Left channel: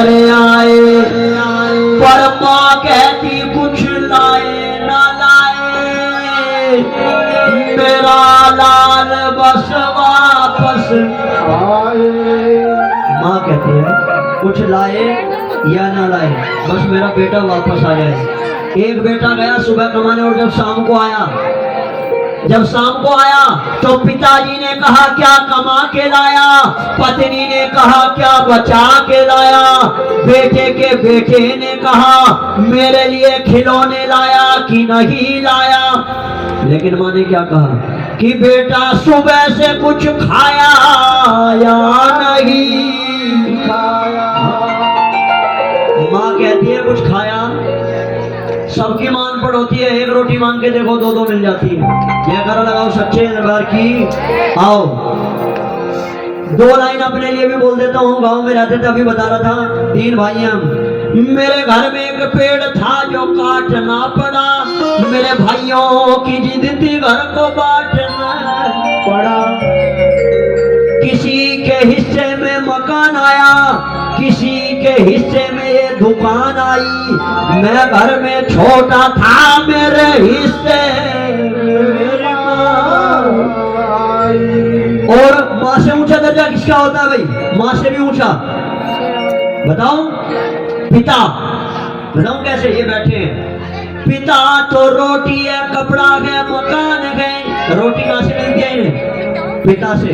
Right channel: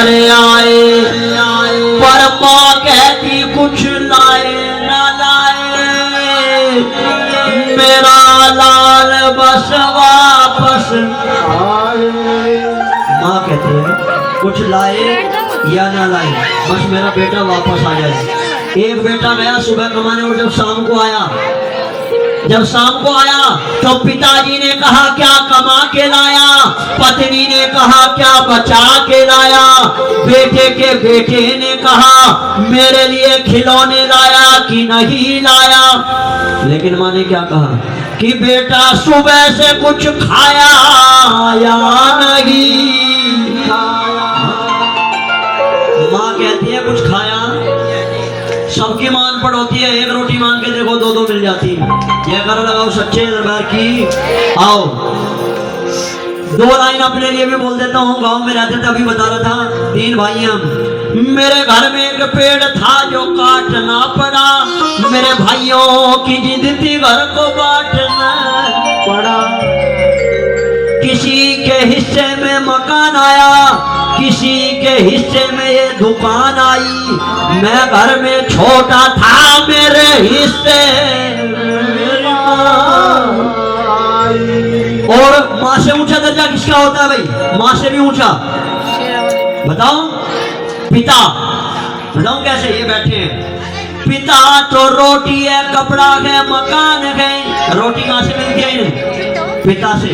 घर आए, पर माँ कहती कुछ लाए ना लाए, मेरा लाल बस वापस आए। माँ कहती है कुछ लाए या ना लाए, बस मेरा बेटा वापस आ जाए। एक बेटा गया सुबह कमाने और जब शाम को आया तो पिताजी ने कहा क्या कमा के लाया, पत्नी ने कहा क्या बचा के लाया, बेटे ने कहा मेरे लिए खिलौने लाया कि नहीं लाया। लेकिन माँ ने क्या कहा कि बेटा सुबह से कुछ खाया या नहीं खाया। माँ कहती है कुछ खाया, सबकी मान पड़ोती है, एक रोटी मांग के देखो दो मिल जाती। ये करा लगाओ सच्चे दरबार की। आओ दो लाइन अपने लिए भी बोल देता हूँ, गांव में रहते थे अभी बता रहा था, 3 भाई हम। मेरे घर में एक पेड़ था जो काटना पड़ा, मेरे भाइयों की जिद थी घर को बांटना पड़ा। किसी के हिस्से में मकान आया, किसी के हिस्से में ये दुकान आई, मैं घर में छोटा था मेरे हिस्से और माँ से ऊंचा दर्जा किसका होता है भाई? माँ से भी ऊंचा। बताओ पिता, बताओ कैसे? ये बैठे हैं पिता तो रोटी है, कपड़ा है, मकान है। रोटी कहां से मिलती है इन्हें? पिता से।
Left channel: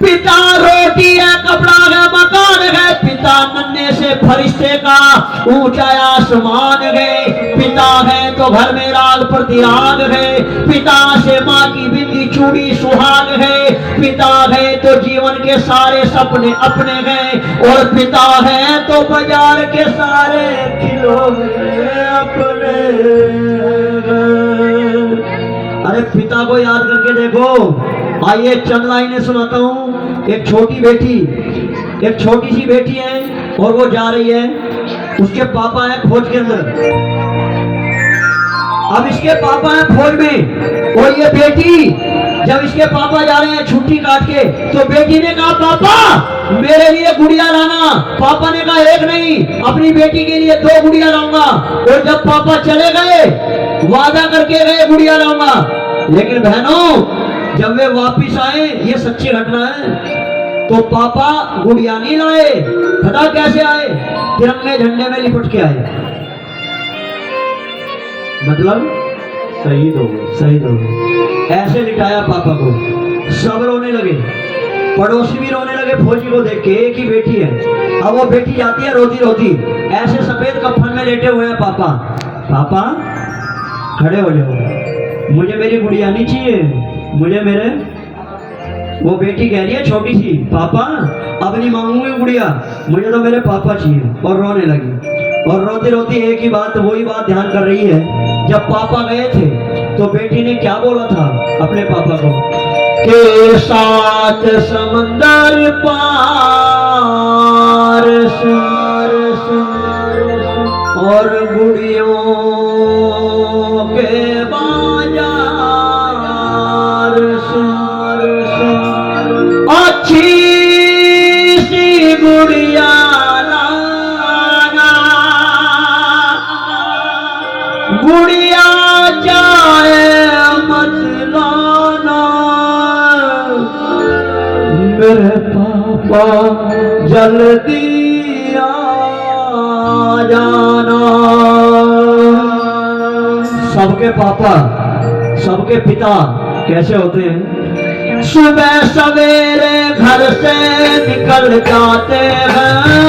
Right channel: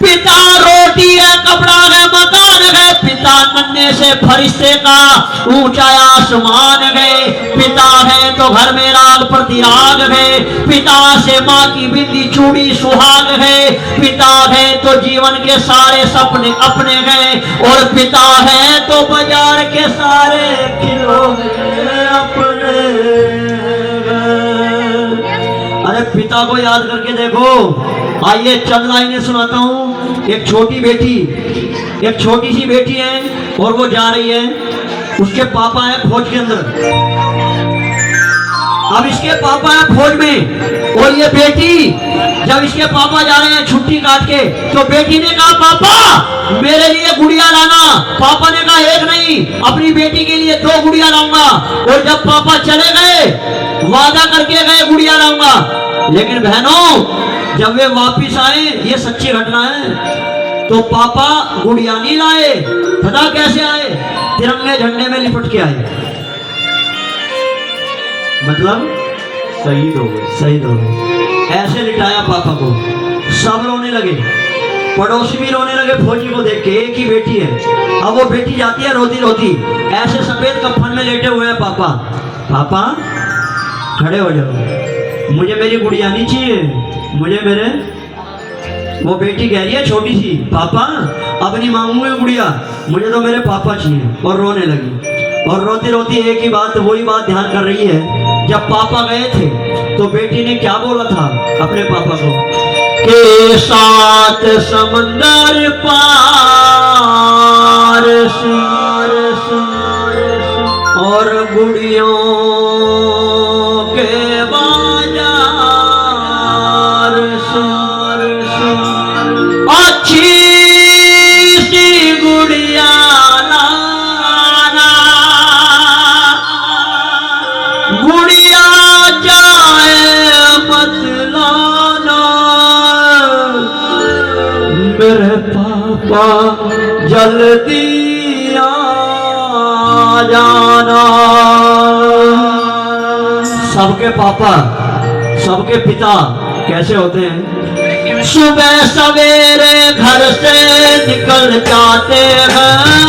पिता रोटी है, कपड़ा है, मकान है। पिता नन्हे से फरिश्ते का ऊंचा आसमान है। पिता है तो घर में राग प्रतिराग है। पिता से माँ की बिंदी चूड़ी सुहाग है। पिता है तो जीवन के सारे सपने अपने हैं, और पिता है तो बाजार के सारे खिलौने अपने। अरे पिता को याद करके देखो। आइए चंद लाइनें सुनाता हूँ। एक छोटी सी बेटी है और वो जा रही है, उसके पापा है फौज के अंदर। अब इसके पापा है फौज में, और ये बेटी जब इसके पापा जा रहे हैं छुट्टी काट के, तो बेटी ने कहा पापा मेरे लिए गुड़िया लाना। पापा ने कहा एक नहीं, अपनी बेटी के लिए 2 गुड़िया लाऊंगा। और जब पापा चले गए, वादा करके गए गुड़िया लाऊंगा, लेकिन बहनों जब वे वापिस आए, ये सच्ची घटना है, तो पापा गुड़िया नहीं लाए। पता कैसे आए? तिरंगे झंडे में लिपट के आए। मतलब शहीद हो गए। ऐसे लिटाया पापा को, सब रोने लगे, पड़ोसी भी रोने लगे फौजी को देख के। एक ही बेटी है। अब वो बेटी जाती है रोती रोती, ऐसे सफेद कफन में लेटे हुए हैं पापा। पापा खड़े हो जाओ, मुझे मेरी गुड़िया नहीं चाहिए, मुझे मेरे। वो बेटी कह रही है छोटी सी, पापा अब नहीं मांगूंगी गुड़िया, मुझे तो मेरे पापा चाहिए। और रोने लगी, और रोती रोती एक ही बात, वही बात ध्यान कर रही है। जब पापा गए थे तो बेटी ने क्या बोला था अपने पापा को के 7 समंदर पार और गुड़ियों के बाजार, अच्छी सी गुड़िया लाना, गुड़िया जाए मत लाना, मेरे पापा जल्दी आ जाना। सबके पापा, सबके पिता कैसे होते हैं? सुबह सवेरे घर से निकल जाते हैं,